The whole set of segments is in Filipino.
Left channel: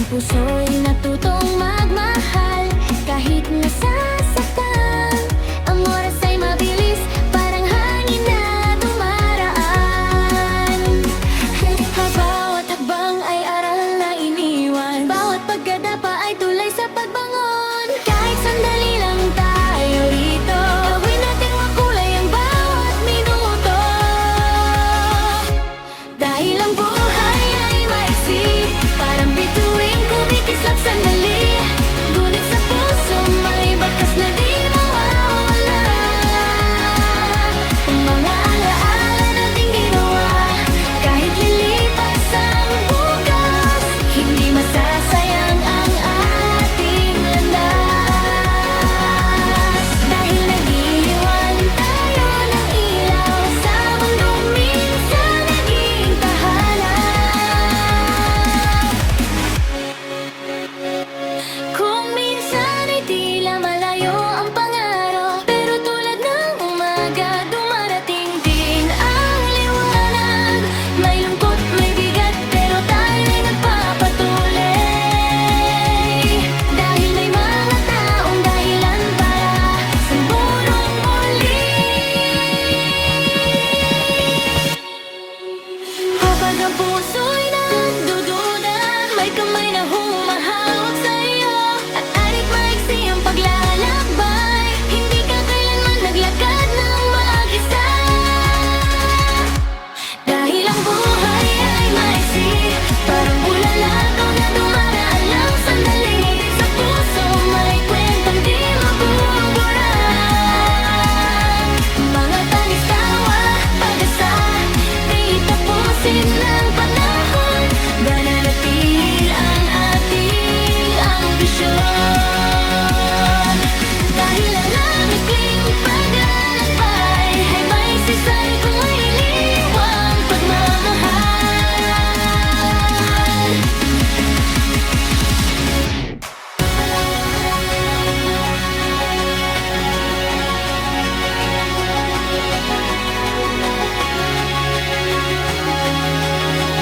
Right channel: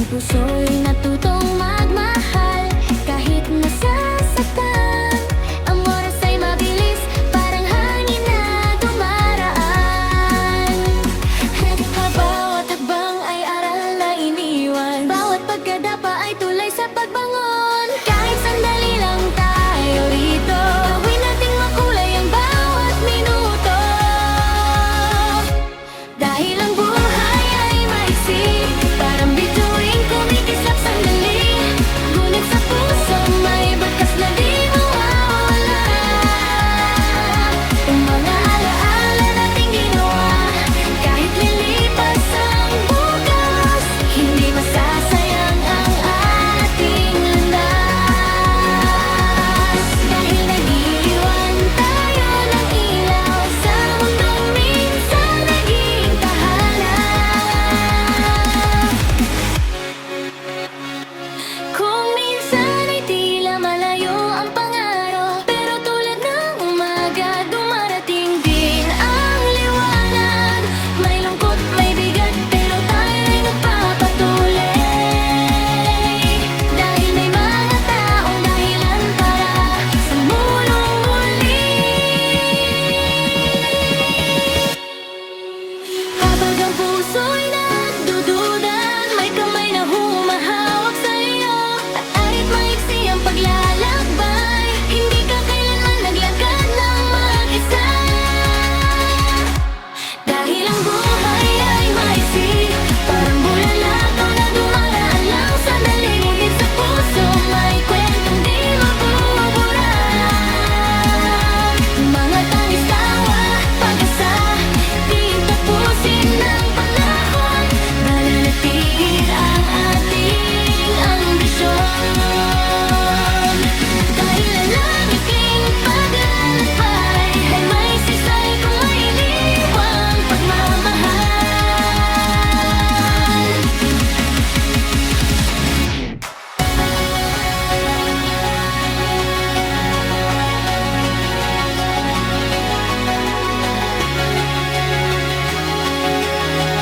Ang puso'y natutong magmahal kahit nasasaktan. Ang oras ay mabilis, parang hangin na dumaraan. Bawat hakbang ay aral na iniwan, bawat pagkadapa ay tulay sa pagbangon. Kahit sandali lang tayo rito, gawin nating makulay ang bawat minuto. Dahil ang buhay ay maiksi, parang bituing kumikislap sandali. Ngunit sa puso may bakas na di mawawala. Ang mga alaala nating ginawa, kahit lilipas ang bukas, hindi masasayang ang ating landas. Dahil nag-iwan tayo ng ilaw sa mundong minsan naging tahanan. Kung minsan ay tila malayo ang pangarap, pero tulad ng umaga dumarating din ang liwanag. May lungkot, may bigat, pero tayo'y nagpapatuloy. Dahil may mga taong dahilan para sumulong muli. Kapag ang puso'y nagdududa, may kamay na humahawak sa'yo, at arit maiksi ang paglalakbay. Hindi ka kailanman naglakad ng mag-isa. Dahil ang buhay ay maiksi, parang bulalakaw na dumaraan lang sandali. Ngunit sa puso may kwentong di mabubura. Mga tangis tawa, pag-asa, di tapusin ng panahon. Nananatil ang ating ambisyon. Dahil ang lamikling paglalakbay ay may sisay kung may iniwang pagmamahal.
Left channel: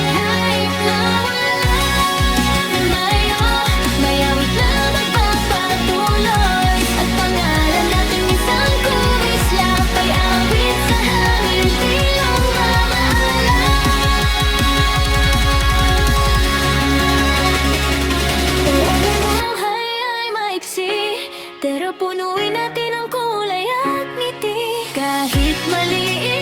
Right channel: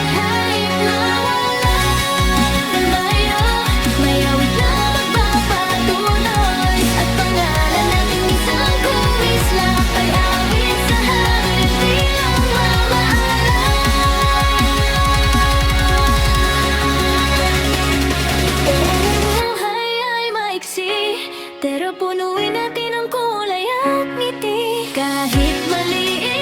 Kahit nawala man tayo, may awit na magpapatuloy, at pangalan natin minsan kumislap ay awit sa hangin bilang mamaalam. Oo, ang buhay ay maiksi, pero punuin natin ang kulay at ngiti. Kahit maliit